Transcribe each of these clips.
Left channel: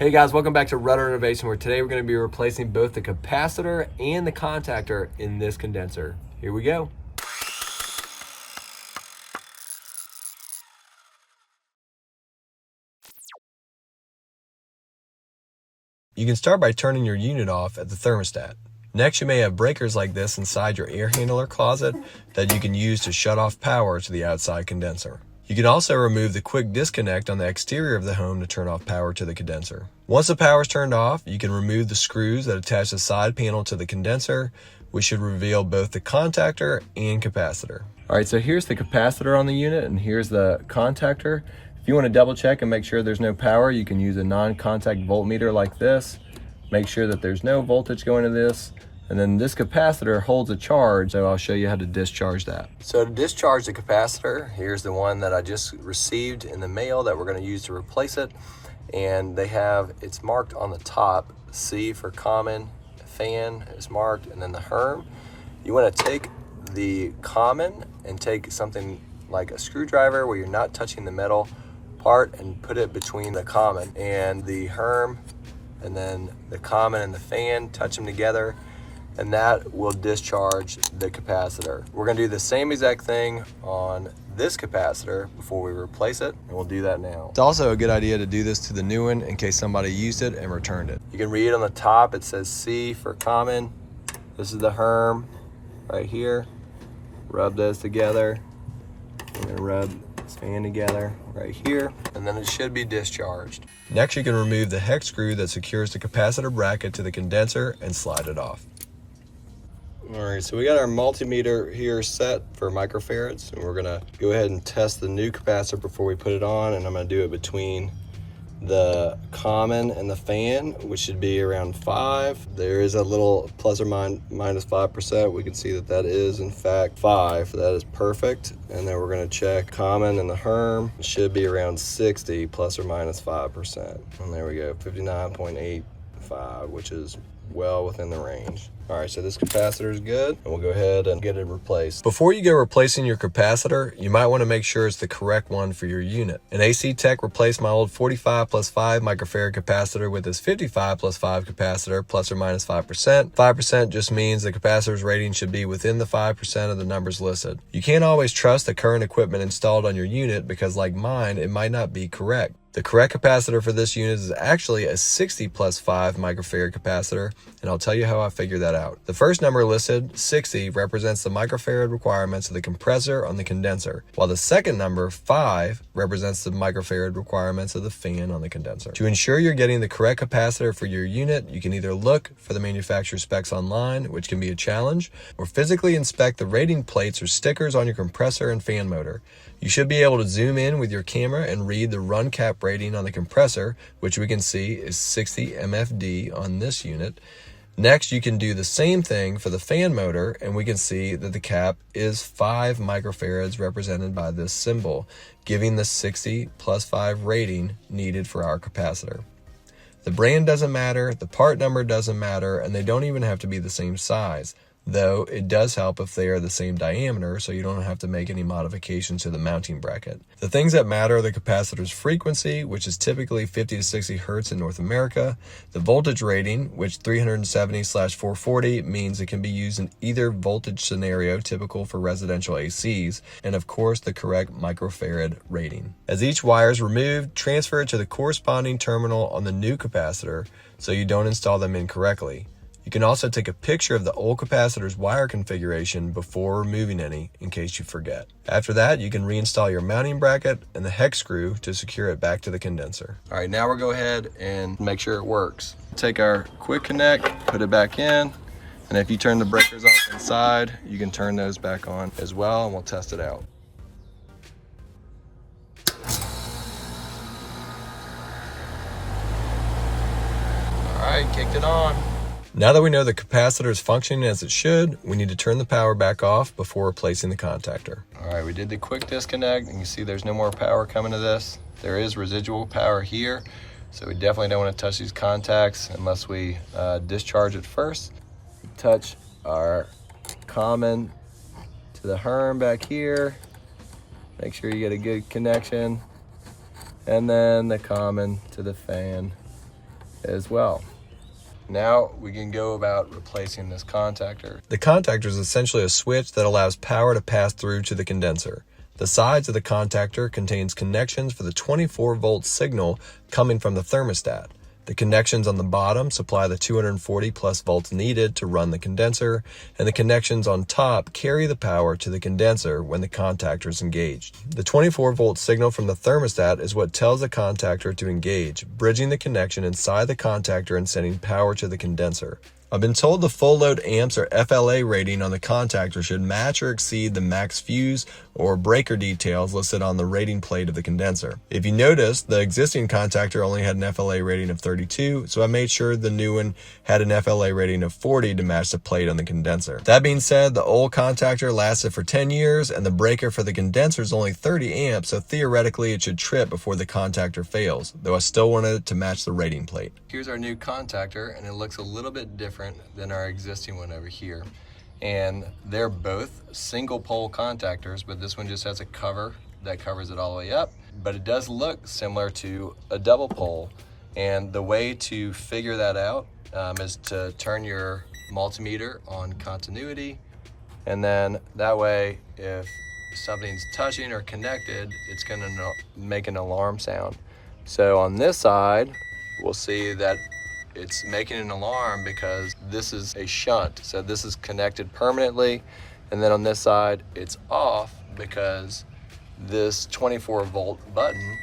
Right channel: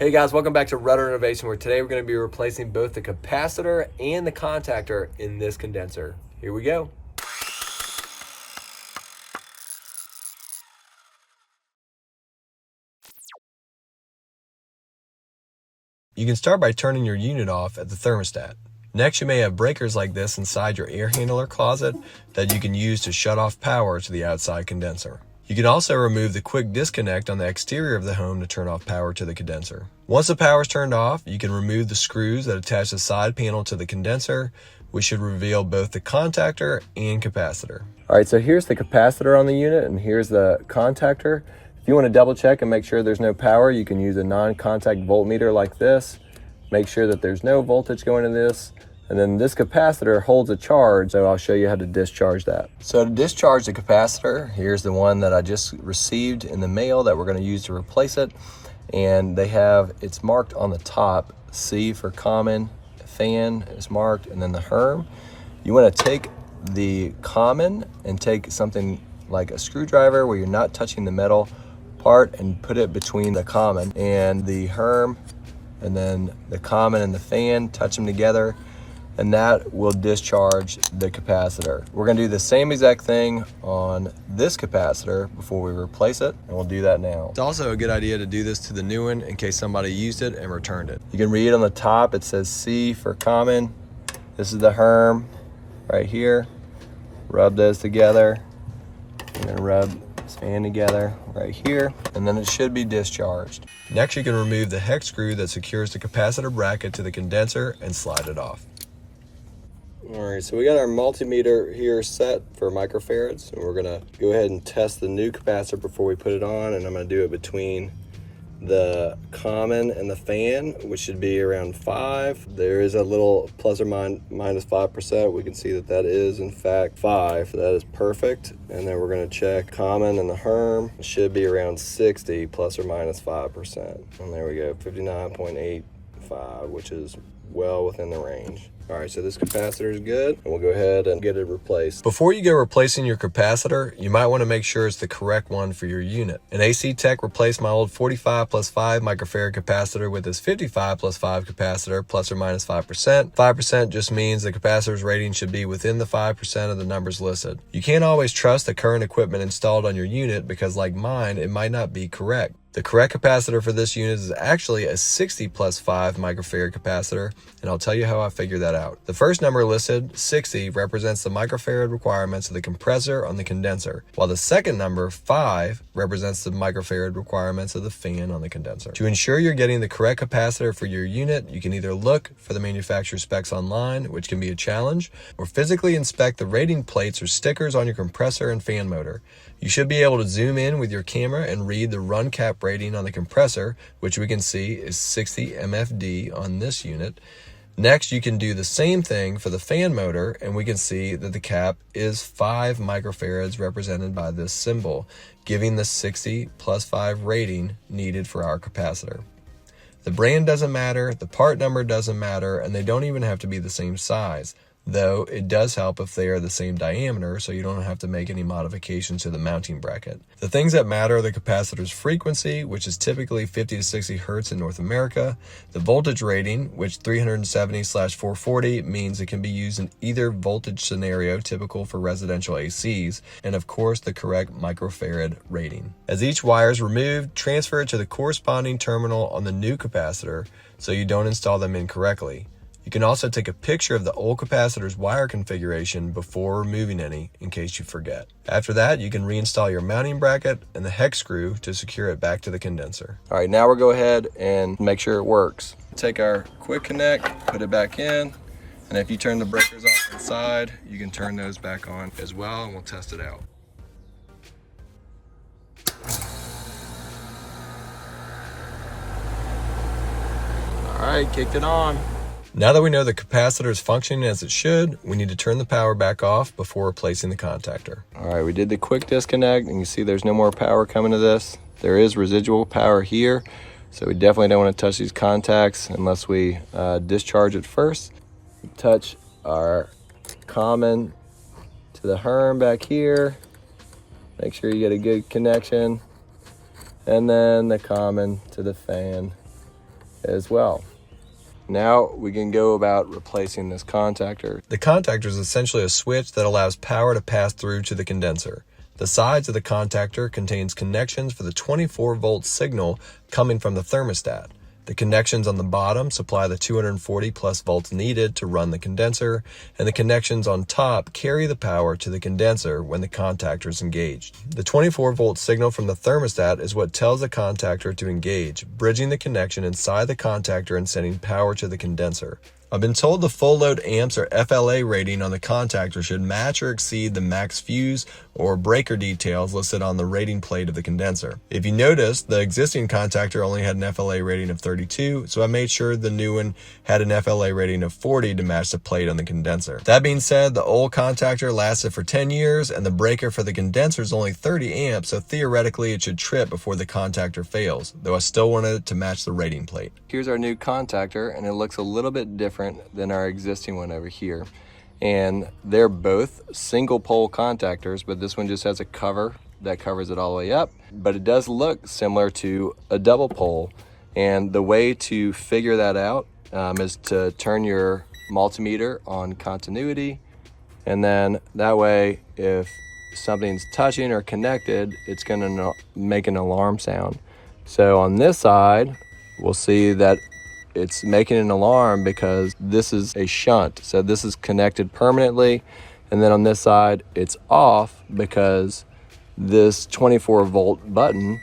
Hey guys, welcome back to Rudder Innovation, where today we're going to be replacing both the capacitor and the contactor in this condenser. Here we go. You can start by turning your unit off at the thermostat. Next, you may have breakers like this inside your air handler closet that you can use to shut off power to the outside condenser. You can also remove the quick disconnect on the exterior of the home to turn off power to the condenser. Once the power is turned off, you can remove the screws that attach the side panel to the condenser, which should reveal both the contactor and capacitor. All right, so here's the capacitor on the unit and here's the contactor. If you want to double check and make sure there's no power, you can use a non-contact voltmeter like this. Make sure that there's no voltage going to this. And then this capacitor holds a charge, so I'll show you how to discharge that. So to discharge the capacitor, here's the one that I just received in the mail that we're going to use to replace it. And it's marked on the top, C for common, fan is marked, and then the Herm. You want to take the common and take something like a screwdriver where you're not touching the metal part and put it between the common and the Herm, and then the common and the fan, touch them together, and that will discharge the capacitor. We're gonna do the same exact thing on this capacitor before we replace it, and we'll do that now. It's also a good idea to do this to the new one in case somebody used it and returned it. You can read on the top, it says C for common. This is the Herm right here. Rub those together, and then rub this fan together right here, and then it should be discharged. Next, you can remove the hex screw that secures the capacitor bracket to the condenser and slide it off. All right, so we got our multimeter here set for microfarads, and we're gonna go ahead and test the new capacitor before we put it on, and I'm gonna do it between the common and the fan, which should be around 5. There is a little plus or minus 5%. We can see that that is in fact 5. That is perfect. And then we're going to check common and the Herm. It should be around 60 plus or minus 5%. And there we go, 59.85, which is well within the range. All right, so this capacitor is good, and we'll go ahead and get it replaced. Before you go replacing your capacitor, you might want to make sure it's the correct one for your unit. An AC Tech replaced my old 45 plus 5 microfarad capacitor with this 55 plus 5 capacitor, plus or minus 5%. 5% just means the capacitor's rating should be within the 5% of the numbers listed. You can't always trust the current equipment installed on your unit because, like mine, it might not be correct. The correct capacitor for this unit is actually a 60 plus 5 microfarad capacitor, and I'll tell you how I figured that out. The first number listed, 60, represents the microfarad requirements of the compressor on the condenser, while the second number, 5, represents the microfarad requirements of the fan on the condenser. To ensure you're getting the correct capacitor for your unit, you can either look for the manufacturer's specs online, which can be a challenge, or physically inspect the rating plates or stickers on your compressor and fan motor. You should be able to zoom in with your camera and read the run cap rating on the compressor, which we can see is 60 MFD on this unit. Next, you can do the same thing for the fan motor, and we can see that the cap is 5 microfarads represented by this symbol, giving the 60 plus 5 rating needed for our capacitor. The brand doesn't matter, the part number doesn't matter, and they don't even have to be the same size. Though it does help if they are the same diameter, so you don't have to make any modifications to the mounting bracket. The things that matter are the capacitor's frequency, which is typically 50 to 60 hertz in North America, the voltage rating, which 370/440 means it can be used in either voltage scenario typical for residential ACs, and of course the correct microfarad rating. As each wire is removed, transfer it to the corresponding terminal on the new capacitor so you don't install them incorrectly. You can also take a picture of the old capacitor's wire configuration before removing any in case you forget. After that, you can reinstall your mounting bracket and the hex screw to secure it back to the condenser. All right, now we'll go ahead and make sure it works. Take our quick connect, put it back in, and if you turn the breakers off inside, you can turn those back on as well, and we'll test it out. All right, kicked it on. Now that we know the capacitor is functioning as it should, we need to turn the power back off before replacing the contactor. All right, we did the quick disconnect, and you see there's no more power coming to this. There is residual power here, so we definitely don't want to touch these contacts unless we discharge it first. Touch our common to the Herm back here. Make sure you get a good connection. And then the common to the fan as well. Now we can go about replacing this contactor. The contactor is essentially a switch that allows power to pass through to the condenser. The sides of the contactor contains connections for the 24-volt signal coming from the thermostat. The connections on the bottom supply the 240 plus volts needed to run the condenser, and the connections on top carry the power to the condenser when the contactor is engaged. The 24-volt signal from the thermostat is what tells the contactor to engage, bridging the connection inside the contactor and sending power to the condenser. I've been told the full load amps or FLA rating on the contactor should match or exceed the max fuse or breaker details listed on the rating plate of the condenser. If you notice, the existing contactor only had an FLA rating of 32, so I made sure the new one had an FLA rating of 40 to match the plate on the condenser. That being said, the old contactor lasted for 10 years and the breaker for the condenser is only 30 amps, so theoretically it should trip before the contactor fails, though I still wanted it to match the rating plate. Here's our new contactor, and it looks a little bit different than our existing one over here. And they're both single pole contactors, but this one just has a cover that covers it all the way up, but it does look similar to a double pole. And the way to figure that out is to turn your multimeter on continuity, and then that way if something's touching or connected, it's going to make an alarm sound. So on this side we'll see that it's making an alarm because this is a shunt, so this is connected permanently, and then on this side it's off because this 24-volt button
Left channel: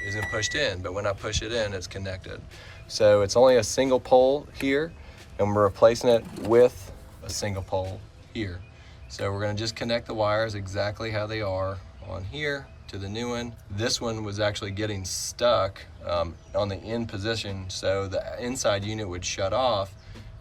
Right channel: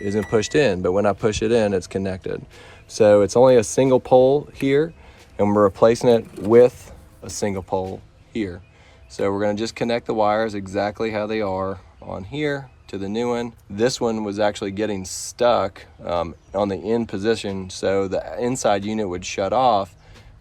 isn't pushed in, but when I push it in, it's connected. So it's only a single pole here, and we're replacing it with a single pole here. So we're going to just connect the wires exactly how they are on here to the new one. This one was actually getting stuck on the in position, so the inside unit would shut off,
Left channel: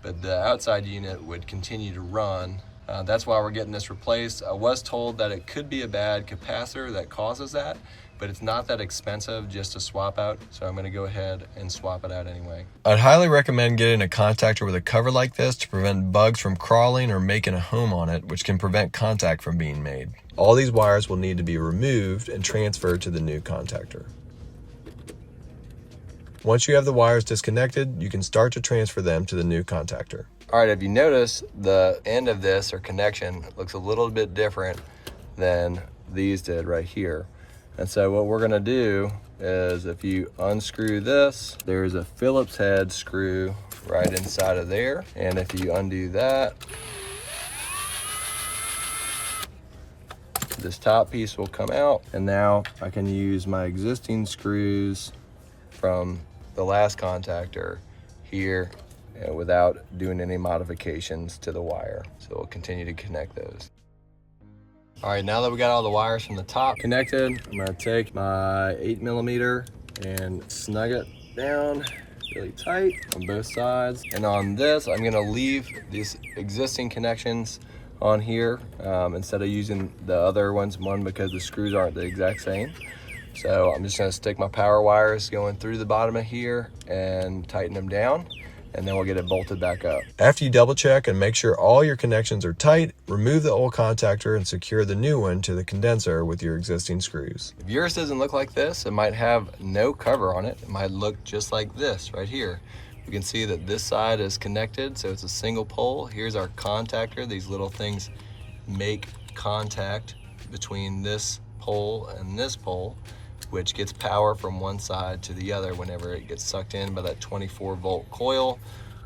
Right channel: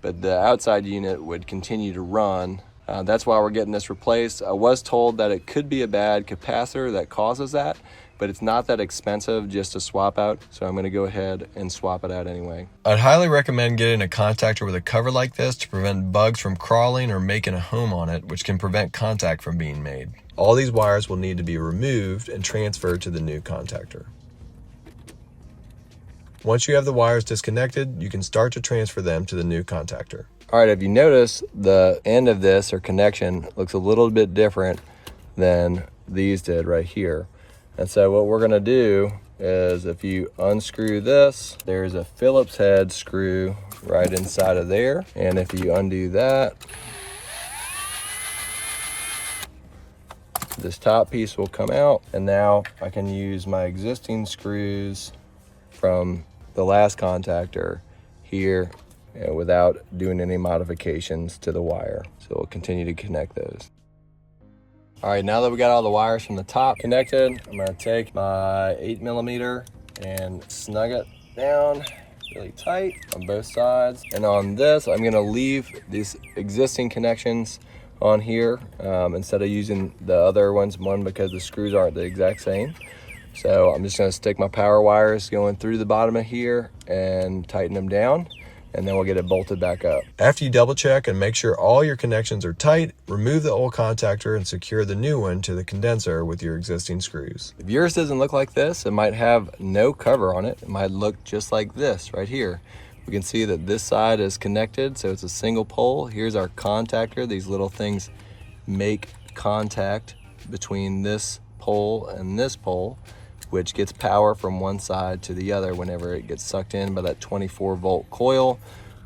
but the outside unit would continue to run. That's why we're getting this replaced. I was told that it could be a bad capacitor that causes that, but it's not that expensive just to swap out, so I'm going to go ahead and swap it out anyway. I'd highly recommend getting a contactor with a cover like this to prevent bugs from crawling or making a home on it, which can prevent contact from being made. All these wires will need to be removed and transferred to the new contactor. Once you have the wires disconnected, you can start to transfer them to the new contactor. All right, if you notice, the end of this or connection looks a little bit different than these did right here. And so what we're gonna do is, if you unscrew this, there's a Phillips head screw right inside of there. And if you undo that, this top piece will come out. And now I can use my existing screws from the last contactor here without doing any modifications to the wire. So we'll continue to connect those. All right, now that we got all the wires from the top connected, I'm gonna take my 8mm and snug it down really tight on both sides. And on this, I'm gonna leave these existing connections on here instead of using the other ones, one because the screws aren't the exact same. So I'm just gonna stick my power wires going through the bottom of here and tighten them down, and then we'll get it bolted back up. After you double check and make sure all your connections are tight, remove the old contactor and secure the new one to the condenser with your existing screws. If yours doesn't look like this, it might have no cover on it. It might look just like this right here. You can see that this side is connected, so it's a single pole. Here's our contactor. These little things make contact between this pole and this pole, which gets power from one side to the other whenever it gets sucked in by that 24-volt coil,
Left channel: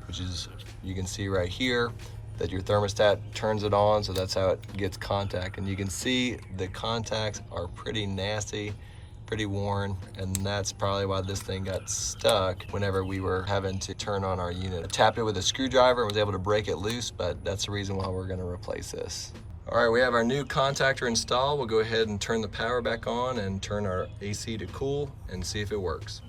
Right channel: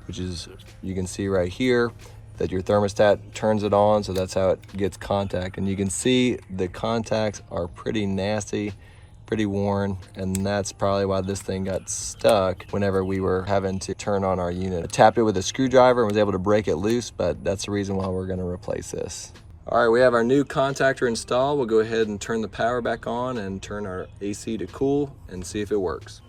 which is, you can see right here that your thermostat turns it on, so that's how it gets contact. And you can see the contacts are pretty nasty, pretty worn, and that's probably why this thing got stuck whenever we were having to turn on our unit. I tapped it with a screwdriver and was able to break it loose, but that's the reason why we're gonna replace this. All right, we have our new contactor installed. We'll go ahead and turn the power back on and turn our AC to cool and see if it works.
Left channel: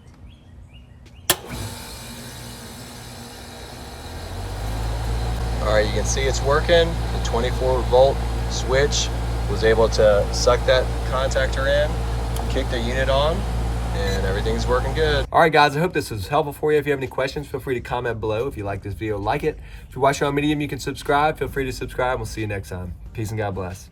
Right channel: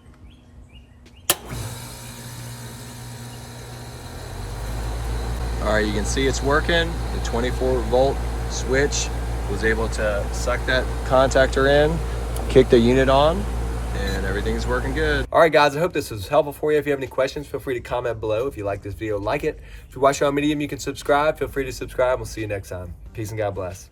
All right, you can see it's working. The 24-volt switch was able to suck that contactor in, kick the unit on, and everything's working good. All right, guys, I hope this was helpful for you. If you have any questions, feel free to comment below. If you like this video, like it. If you're watching on Medium, you can subscribe. Feel free to subscribe. We'll see you next time. Peace and God bless.